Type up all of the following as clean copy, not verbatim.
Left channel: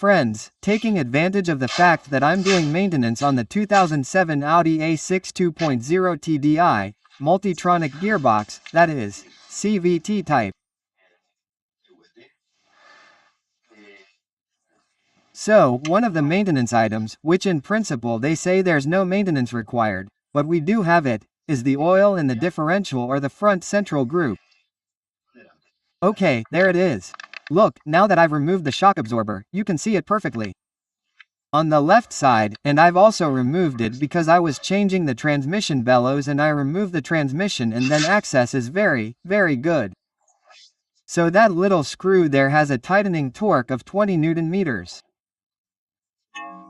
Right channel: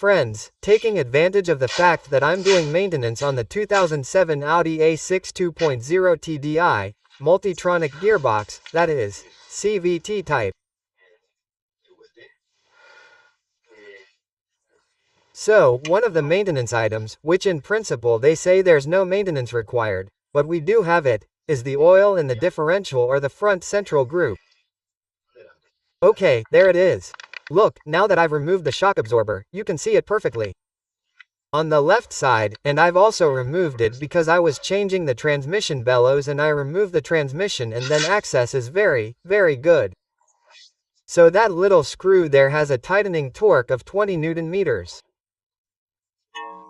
Friends, taking advantage of the fact that I'm doing maintenance on the 2007 Audi A6 2.0 TDI MULTITRONIC gearbox, that is, CVT type. So, one of the maintenance items, which in principle they say there's no maintenance required, but we do have it, is the oil in the differential or the front central group. Okay, there it is. Look, now that I've removed the shock absorber, you can see it perfectly on the left side, and I've also removed it because I was changing the transmission bellows and I removed the transmission, and then access is very, very good. So that little screw there has a tightening torque of 20 Newton meters.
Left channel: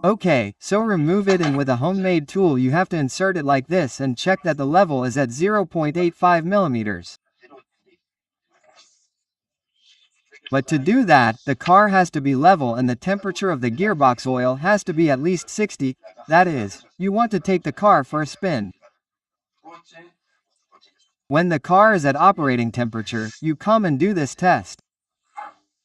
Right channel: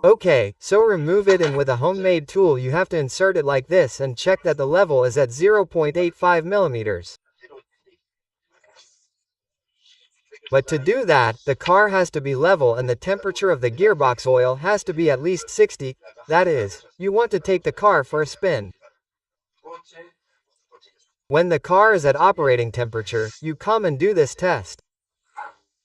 Okay, so remove it, and with a homemade tool you have to insert it like this and check that the level is at 0.85 millimeters. But to do that, the car has to be level and the temperature of the gearbox oil has to be at least 60, that is, you want to take the car for a spin. When the car is at operating temperature, you come and do this test.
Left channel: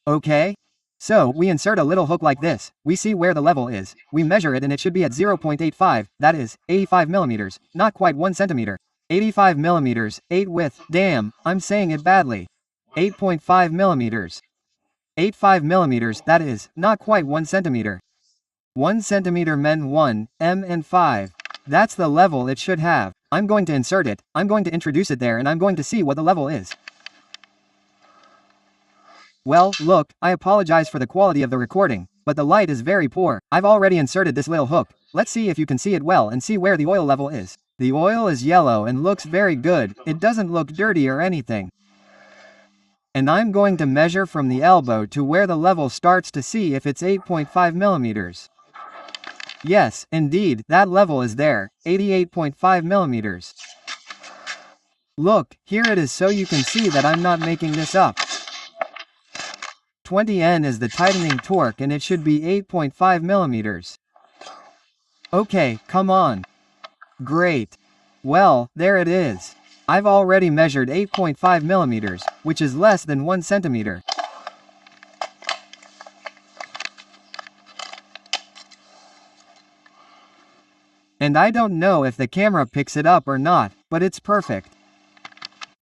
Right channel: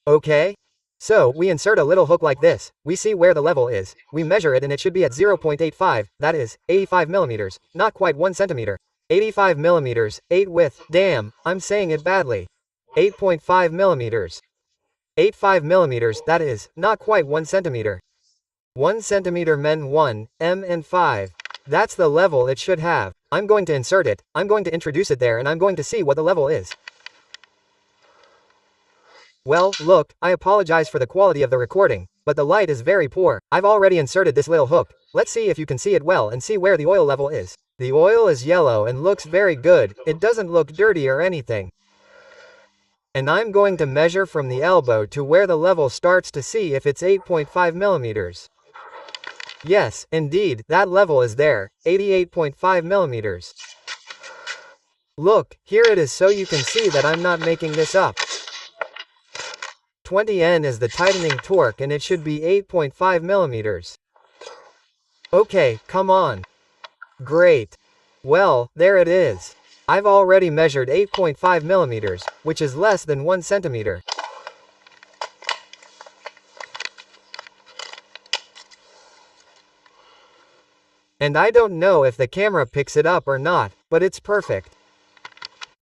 Okay? So, we insert a little hook like this, we see where the level is, we measure it and it should be at 0.85, that is, 85 millimeters, not quite 1 centimeter. 85 millimeters, 8 width, damn, I'm saying it badly. 8.5 millimeters. 85 millimeters, that is, not quite 1 centimeter. 1 centimeter men 1, and 5. That's the level it should have. I'm going to insert it, I'm going to introduce it there, and I'm going to see what the level is. Well, look, I apologize for the quality of the recording, but the light is very poor. I've already inserted this little hook. Let's see if you can see it well and see where the oil level is. The oil is yellow and looks very good, it doesn't look dirty or anything. And I'm going to measure from the elbow to where the level starts to see if it's 8.5 millimeters. Yes, indeed, that level is there, 88.5 millimeters. Look, here it is, so you can see that I'm not making this up. 20 N is the tightening torque and it should be 8.5 millimeters. Okay, come on. Great. Well, there it is. I've already measured 8.5 millimeters, which is less than 1 centimeter. And I don't know if the camera picks it up or not, but it's perfect.